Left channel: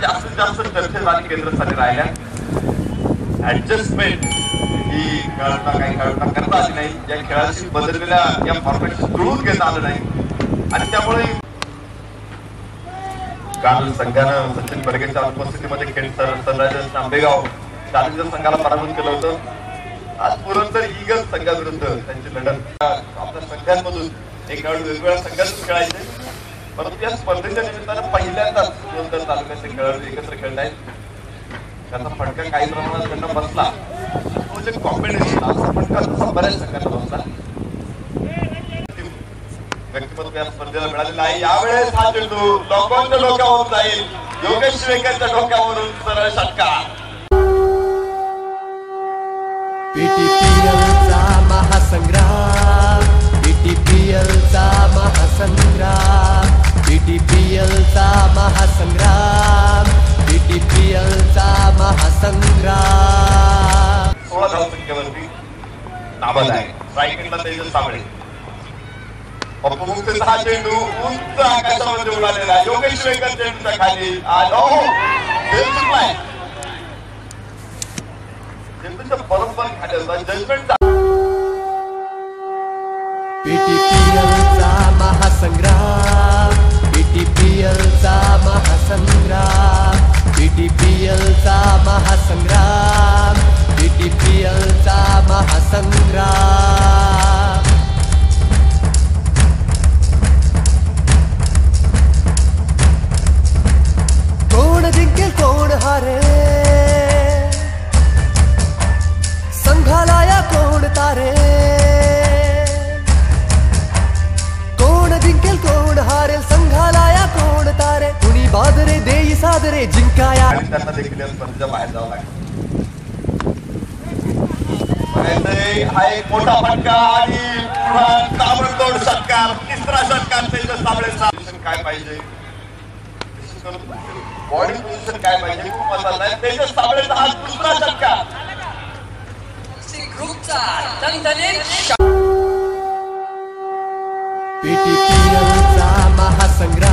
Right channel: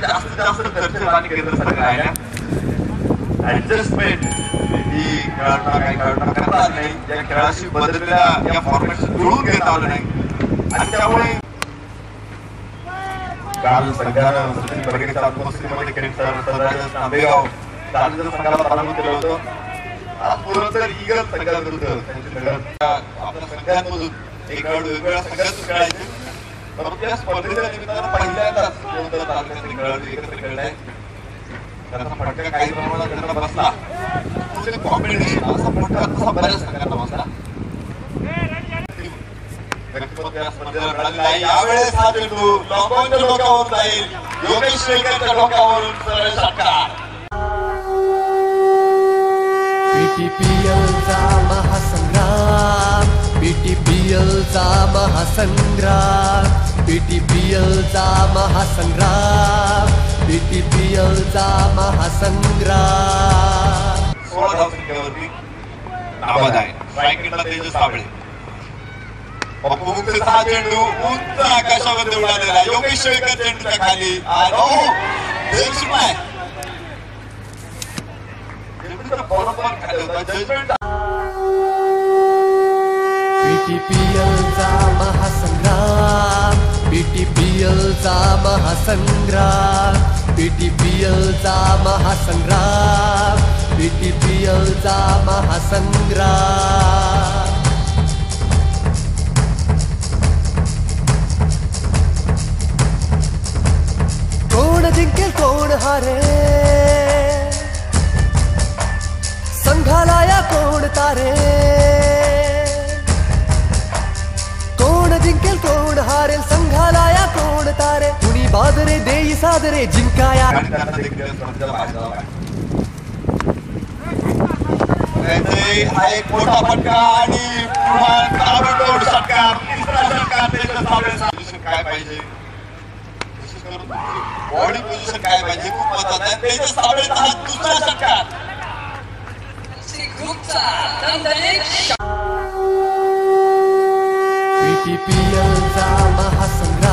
जास्तीत जास्त दर्शनवादी केंद्र सरकार आहे ऍडजस्टमेंट ही खेळांना काही खेळांना करता आली नाही, या खेळाशी बदललेल्या या फॉर्मॅटशी जुळून घेता आलं नाही आणि त्यामुळे काल संघानं सचिन बर्गेच्या उपस्थितीमध्ये सनरायझर्स आंबेगाव चॅलेंजर संघाला पराभूत केलं होतं। आज पुरंदर ईगल्स संघाविरुद्ध त्यांची लढत आपल्या संघांमधून एक खेळाडू वेगवेगळ्या संघात खेळायचे, परंतु त्या स्पर्धेच्या निमित्तानं पहिल्यांदाच पुरंदर तालुक्याचे खेळाडू एकत्र खेळले आहेत। त्याचा फटका काही प्रमाणात त्यांना बसला, कॉम्बिनेशन असा फटका तसा बऱ्याच संघांना बसला। व्यक्तिमत्व या स्पर्धेला मिळालेला आहे। यावेळेस हा चेंडू लॉकॉनच्या डोक्यावर जाईल, योगेश शेळकेच्या डोक्यावरून सरळ षटकार। बीटीपीएलचा महासंग्राम, बीटीपीएलचा महासंग्राम, बीटीपीएलचा महासंग्राम, बीटीपीएलचा महासंग्राम। 16 धावसंख्येवरती नाबाद आहे। स्ट्रायकिंगला तेजस साबळे, पप्पूचा हा चेंडू उंच आकाशामध्ये उडालेला, योगेश शेळकर चेंडूच्या खाली आलो बेंचलाय, चेंडूचा बरोबर खाली होता जजमेंट। बीटीपीएलचा महासंग्राम, बीटीपीएलचा महासंग्राम, बीटीपीएलचा महासंग्राम, बीटीपीएलचा महासंग्राम। कोण जिंकेल कोण हारे, संघाला या कोण तारे, कोण जिंकेल कोण हारेल, संघाला या कोण तारे, कुणी बादरे देई सादरे जिंकाया। हा एक मोठा फटका आणि पुन्हा ताबडतोब षटकार, तिसरा षटकार तेजस साबळेचा। काय पाहिजे बॉडी पोझिशन काय पाहिजे खूप महत्त्वाचं आहे। तेजस साबळेचा हा दुसरा षटकार। बीटीपीएलचा महासंग्राम।